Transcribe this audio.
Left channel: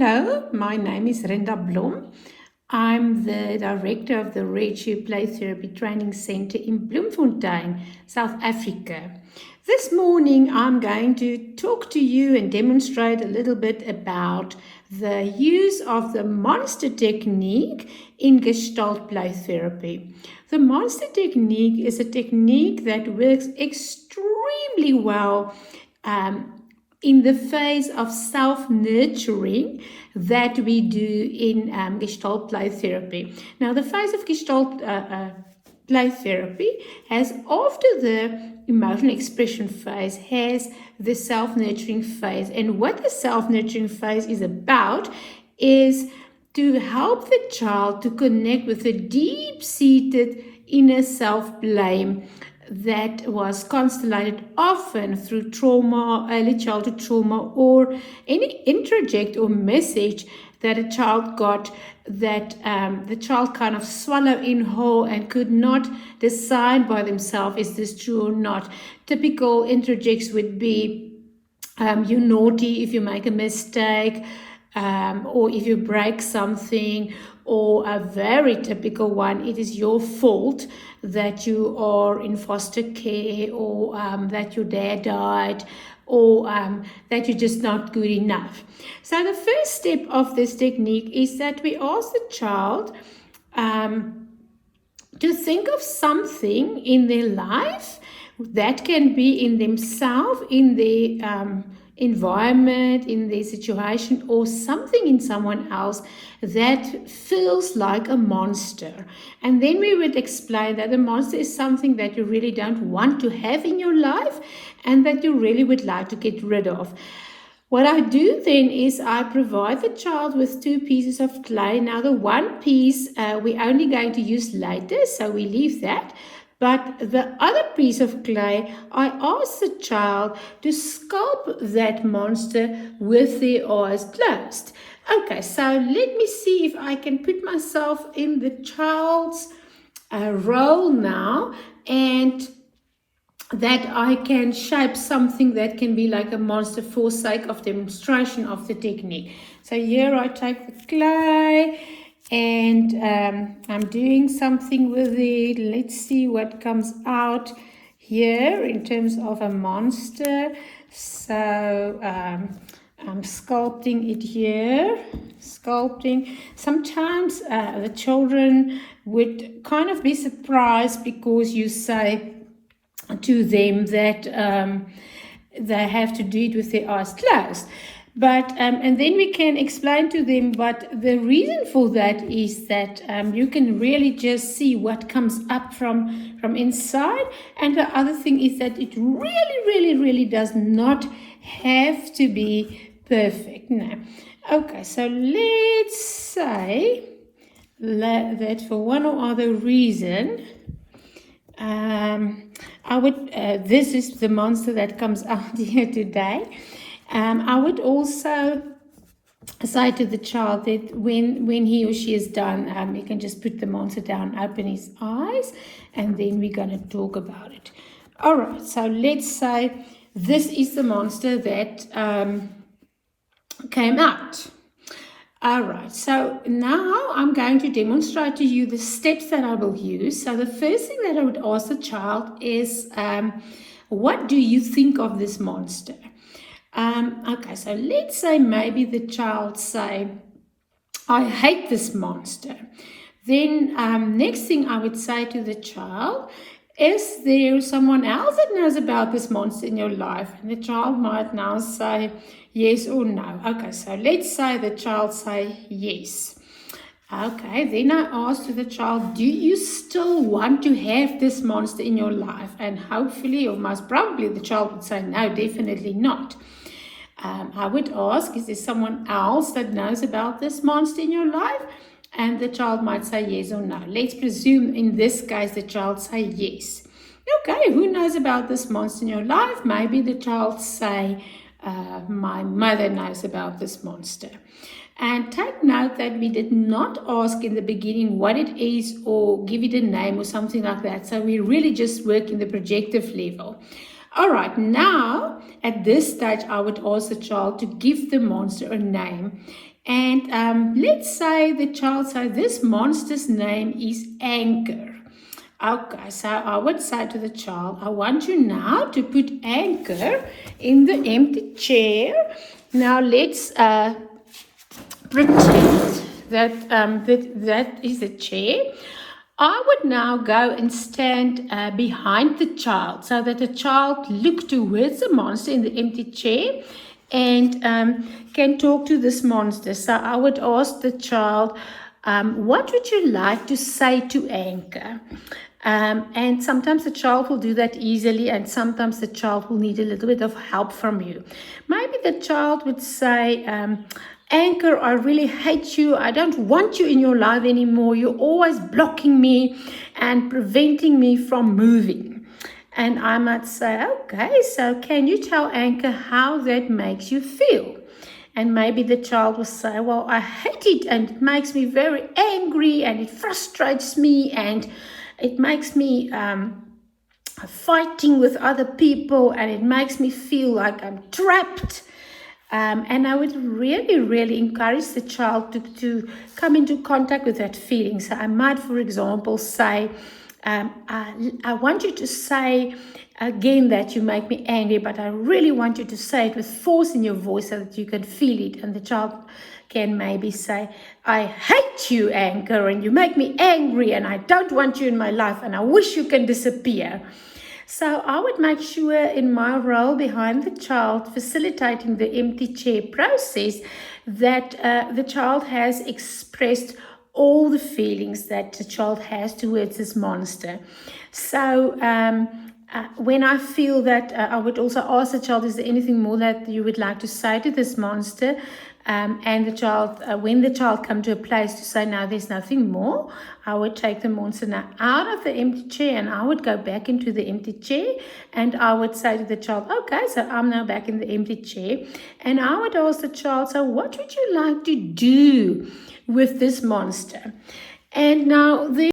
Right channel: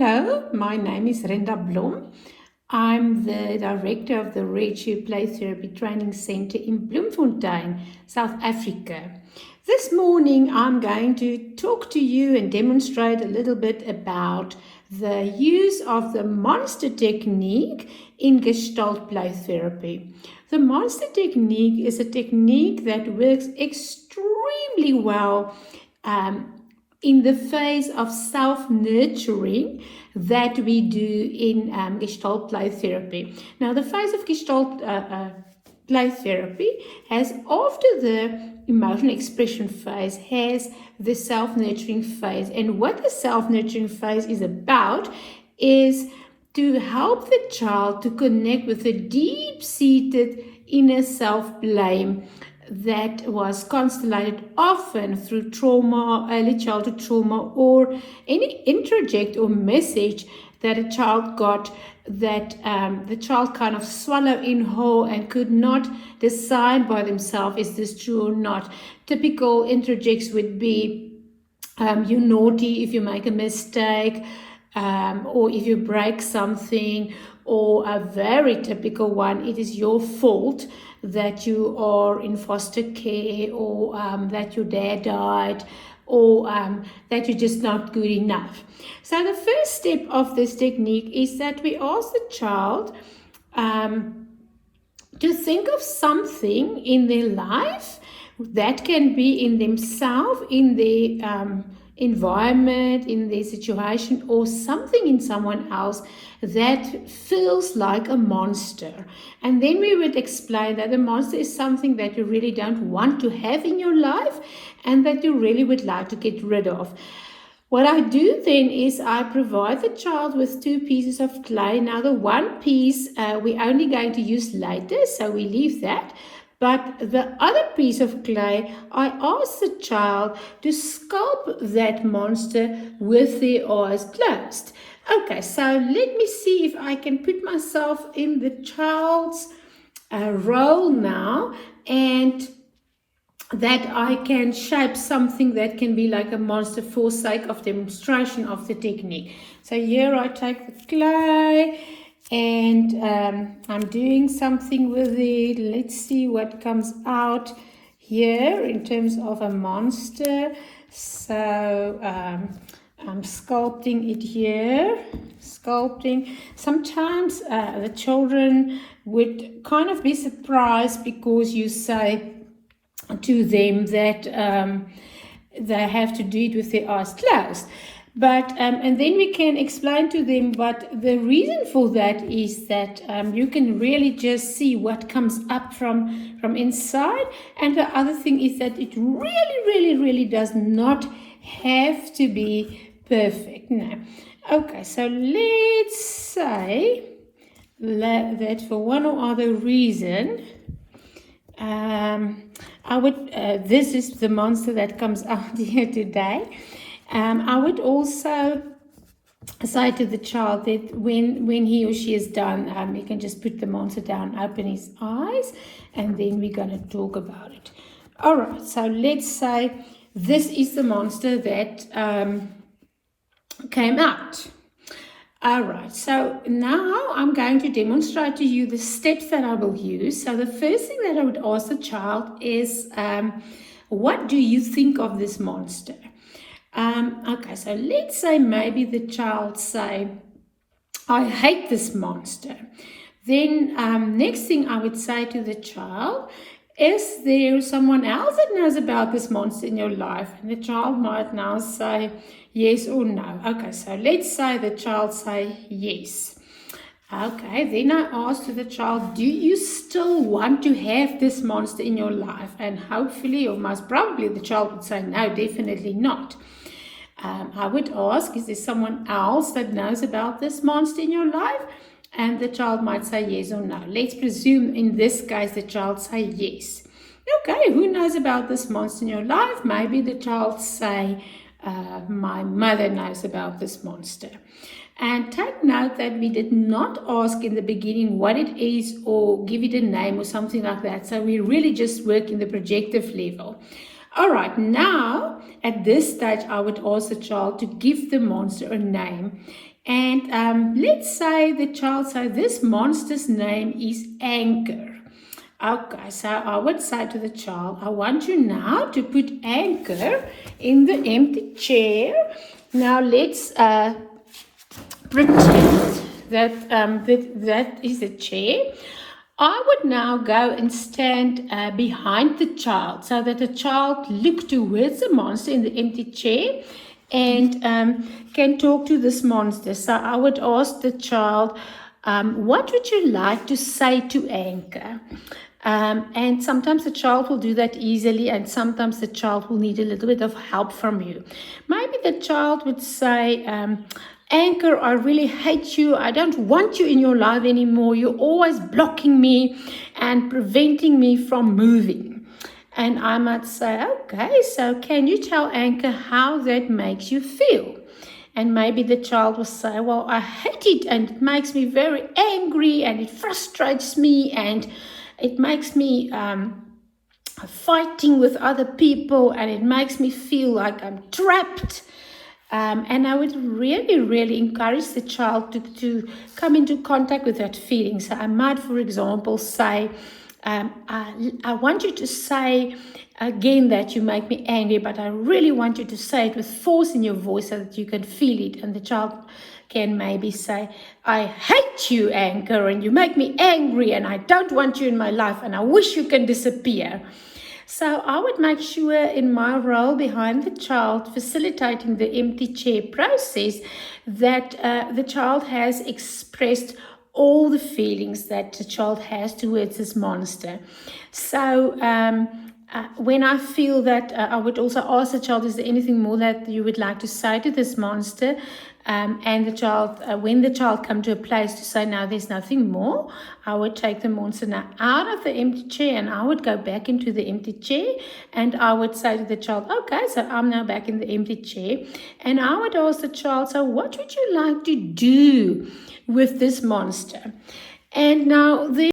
Hello, my name is Rinda Blom. I'm the director of the Redshift Play Therapy Training Center in Bloemfontein, South Africa. This morning I'm going to talk to you and demonstrate a little bit about the use of the monster technique in Gestalt play therapy. The monster technique is a technique that works extremely well in the phase of self-nurturing that we do in Gestalt play therapy. Now, the phase of Gestalt play therapy has, after the emotional expression phase, has the self-nurturing phase. And what the self-nurturing phase is about is to help the child to connect with a deep-seated inner self-blame that was constellated often through trauma, early childhood trauma, or any introject or message that a child got that the child kind of swallowed in whole and could not decide by themselves, is this true or not? Typical introjects would be, you're naughty if you make a mistake, or if you break something, or a very typical one, it is your fault that you are in foster care, or that your dad died, or that you're just not good enough. So the first step of this technique is that we ask the child to think of something in their life that can be in themselves, in their environment, in their situation, or something in someone else that feels like a monster. And then we would explain that a monster is something that you really don't want to have in your life and that you really would like to get rid of. What I do then is I provide the child with 2 pieces of clay. Now the one piece we're only going to use later, so we leave that. But the other piece of clay, I ask the child to sculpt that monster with their eyes closed. Okay, so let me see if I can put myself in the child's role now, and that I can shape something that can be like a monster for sake of demonstration of the technique. So here I take the clay and I'm doing something with it. Let's see what comes out here in terms of a monster. So I'm sculpting it here, sculpting. Sometimes the children would kind of be surprised because you say to them that they have to do it with their eyes closed. But and then we can explain to them, but the reason for that is that you can really just see what comes up from inside. And the other thing is that it really does not have to be perfect. Now, okay, so let's say that for one or other reason, I would, this is the monster that comes out here today. I would also say to the child that when he or she is done, you can just put the monster down, open his eyes, and then we're going to talk about it. All right, so let's say this is the monster that came out. All right, so now I'm going to demonstrate to you the steps that I will use. So the first thing that I would ask the child is, what do you think of this monster? Okay, so let's say maybe the child say, I hate this monster. Then next thing I would say to the child, is there someone else that knows about this monster in your life? And the child might now say yes or no. Okay, so let's say the child say yes. Okay, then I ask to the child, do you still want to have this monster in your life? And hopefully, or most probably, the child would say no, definitely not. I would ask, is there someone else that knows about this monster in your life? And the child might say yes or no. Let's presume in this case the child say yes. Okay, who knows about this monster in your life? Maybe the child say, my mother knows about this monster. And take note that we did not ask in the beginning what it is or give it a name or something like that. So we really just work in the projective level. All right, now at this stage, I would ask the child to give the monster a name. And let's say the child says this monster's name is Anchor. Okay, so I would say to the child, I want you now to put Anchor in the empty chair. Now let's pretend that is the chair. I would now go and stand behind the child so that the child look towards the monster in the empty chair and can talk to this monster. So I would ask the child, what would you like to say to Anchor? And sometimes the child will do that easily, and sometimes the child will need a little bit of help from you. Maybe the child would say, Anchor, I really hate you. I don't want you in your life anymore. You're always blocking me and preventing me from moving. And I might say, okay, so can you tell Anchor how that makes you feel? And maybe the child will say, well, I hate it and it makes me very angry and it frustrates me and it makes me fighting with other people and it makes me feel like I'm trapped. And I would really, really encourage the child to come into contact with that feeling. So I might, for example, say, I want you to say again that you make me angry, but I really want you to say it with force in your voice so that you can feel it. And the child can maybe say, I hate you, Anchor, and you make me angry, and I don't want you in my life, and I wish you can disappear. So I would make sure in my role behind the child, facilitating the empty chair process, that the child has expressed all the feelings that the child has towards this monster. So when I feel that, I would also ask the child, is there anything more that you would like to say to this monster? And the child, when the child come to a place to say, no, there's nothing more, I would take the monster now out of the empty chair and I would go back into the empty chair and I would say to the child, okay, so I'm now back in the empty chair. And I would ask the child, so what would you like to do with this monster? And now